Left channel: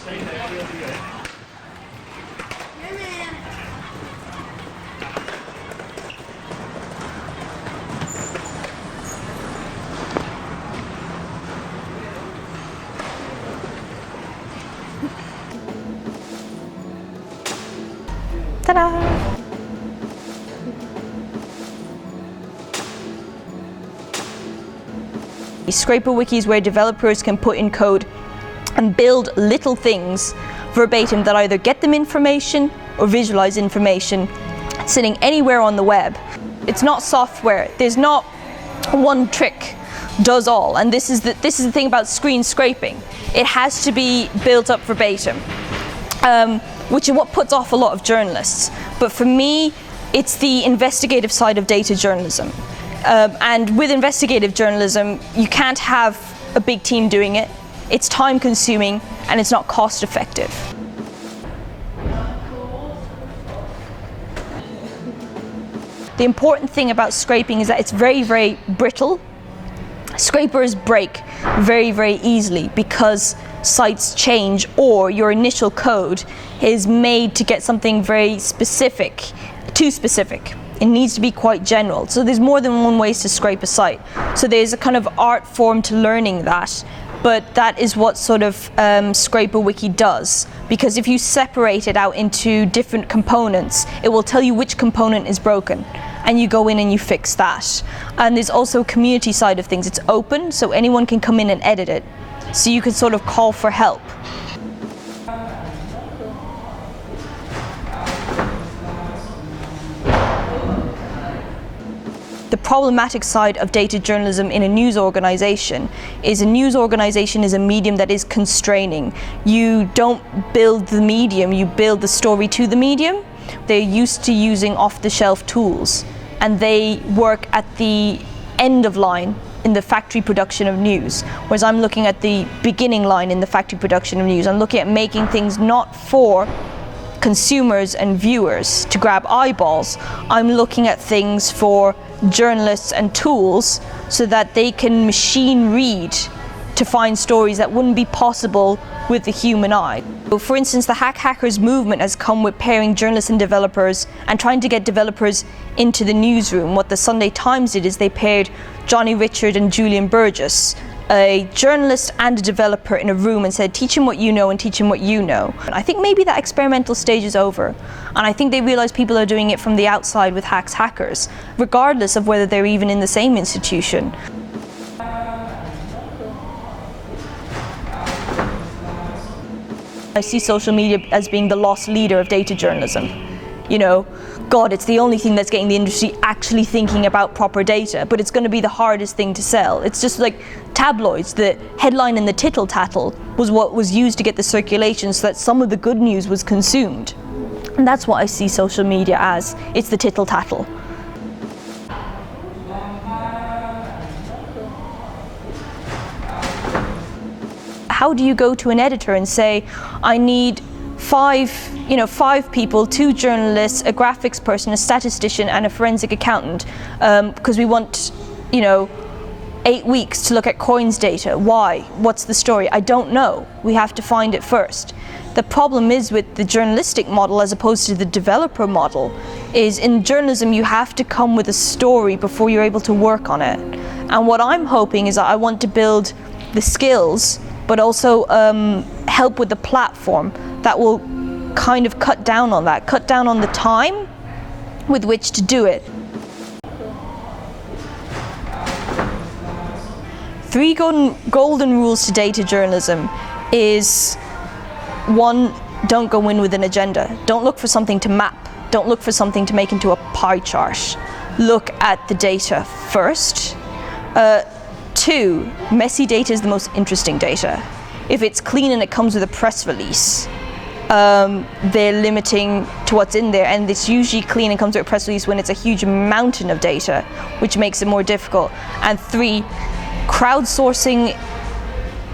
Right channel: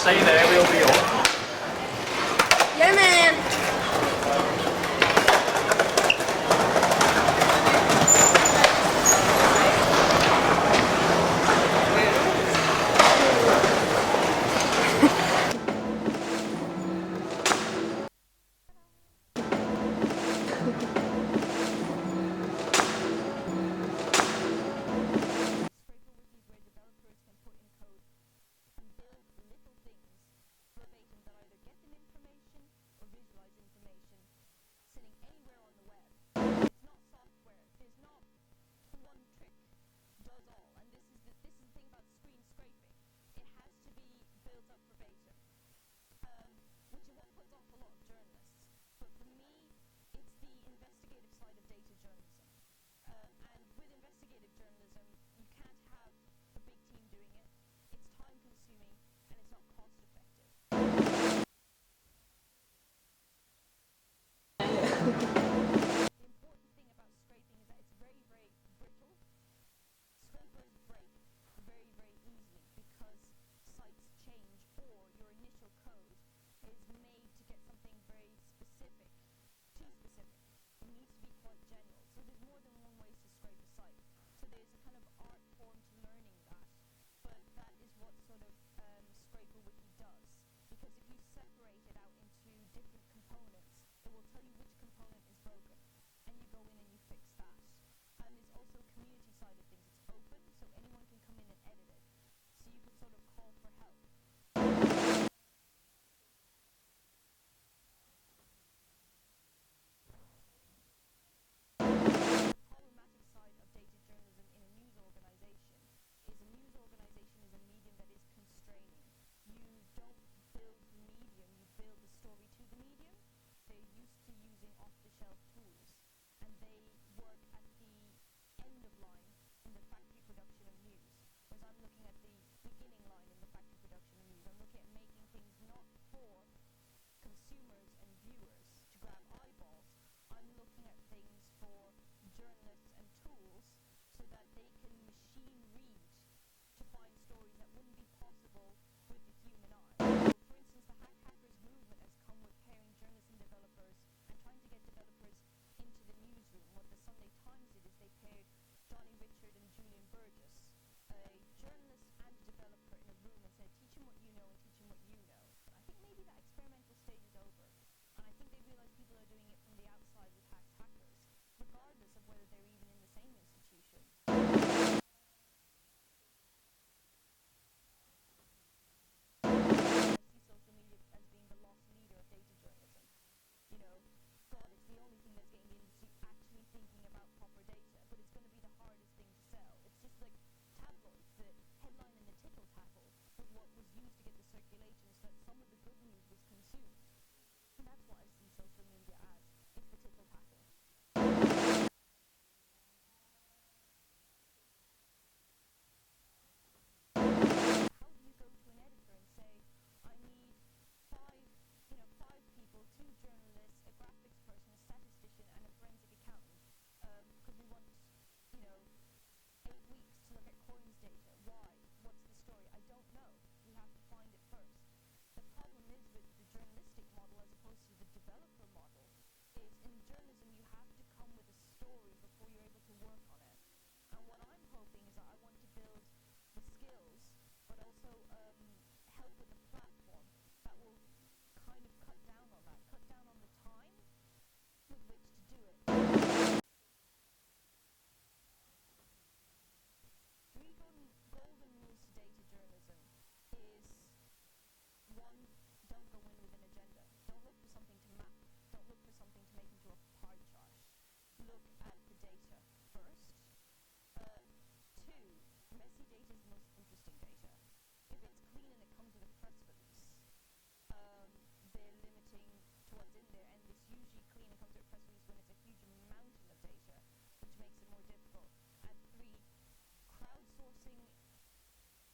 stay there, we'll be up. Yeah, man. Ta-da! ScraperWiki is where developers can put in code and build little things verbatim that either get them information or visualize information sitting anywhere on the web. It's not software. There's not one trick does all, and this is the thing about screen scraping. It has to be built up verbatim, which is what puts off a lot of journalists. But for me, it's the investigative side of data journalism. And with investigative journalism, you can't have a big team doing it. It's time consuming and it's not cost effective. The important thing about scraping is that it's very, very brittle. Scrapers break very, very easily because sites change or your initial code is made to get something very specific, too specific. It needs to be quite general. So there's more than one ways to scrape a site. So there's a kind of art form to learning that, but that is what sort of ScraperWiki does. Because if you separate it out into different components, it will tell you which component is broken. And you go in and you fix that. And there's also a community side of things. It's open, so anyone can come in and edit it. So you can sort of call for help. The problematic side of data journalism in a news organization is a medium that is constraining. You don't build the medium, you build the story to the medium. They're used to using off-the-shelf tools, and they work at the end of line in the factory production of news, whereas I'm looking at the beginning line in the factory production of news. I'm looking at making things not for consumers and viewers to grab eyeballs. I'm looking at things for journalists and tools so that they can machine read to find stories that wouldn't be possible with the human eye. So for instance, the hackers movement has come with pairing journalists and developers and trying to get developers into the newsroom. What the Sunday Times did is they paired Johnny Richard and Julian Burgess, a journalist and a developer, in a room and said, teach him what you know and teach him what you know. And I think maybe that experimental stage is over. And I think they realize people are doing it from the outside with hackers, regardless of whether they're even in the same institution. I see social media as being the lost leader of data journalism. You know, God, it's the only thing that's getting the industry actually thinking about proper data, but it's going to be the hardest thing to sell. It's just like tabloids. The headline and the tittle tattle was what was used to get the circulation so that some of the good news was consumed. And that's what I see social media as. It's the tittle tattle. How do you go to an editor and say, I need five people, 2 journalists, a graphics person, a statistician, and a forensic accountant, because we want, 8 weeks to look at coins data. Why? What's the story? I don't know. We have to find it first. The problem is with the journalistic model as opposed to the developer model is in journalism you have to come with a story before you're able to work on it. And what I'm hoping is that I want to build the skills but also help with the platform that will kind of cut down on that, cut down on the time with which to do it. 3 golden rules to data journalism is 1, don't go in with an agenda. Don't look for something to map. Don't look for something to make into a pie chart. Look at the data first. 2, messy data is the most interesting data. If it's clean and it comes with a press release, they're limiting to what's in there, and it's usually clean and comes with a press release when it's a huge mountain of data, which makes it more difficult. And 3, crowdsourcing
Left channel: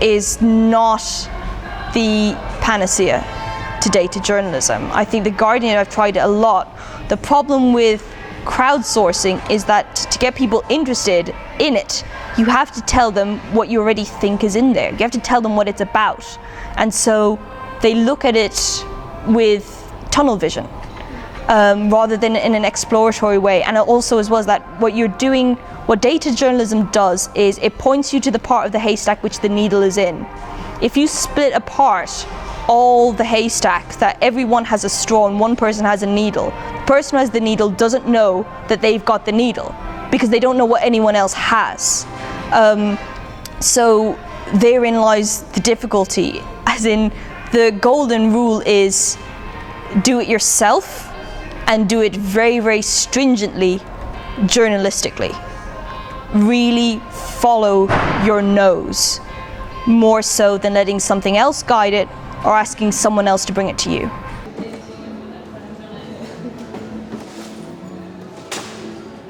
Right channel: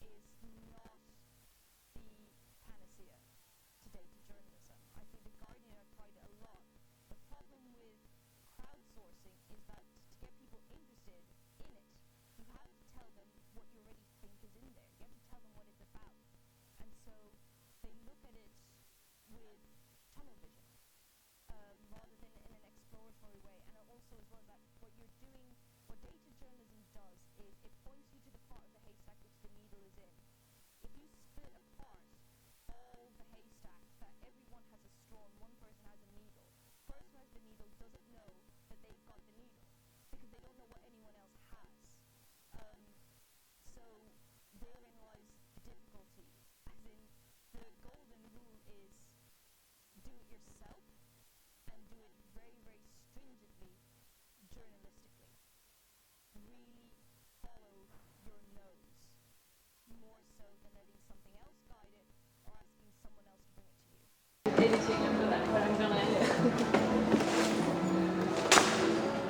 is not the panacea to data journalism. I think The Guardian, I've tried it a lot. The problem with crowdsourcing is that to get people interested in it, you have to tell them what you already think is in there. You have to tell them what it's about. And so they look at it with tunnel vision rather than in an exploratory way. And also as well as that, what data journalism does is it points you to the part of the haystack which the needle is in. If you split apart all the haystack, that everyone has a straw and one person has a needle, the person who has the needle doesn't know that they've got the needle because they don't know what anyone else has. So therein lies the difficulty, as in the golden rule is do it yourself and do it very, very stringently, journalistically. Really follow your nose, more so than letting something else guide it or asking someone else to bring it to you.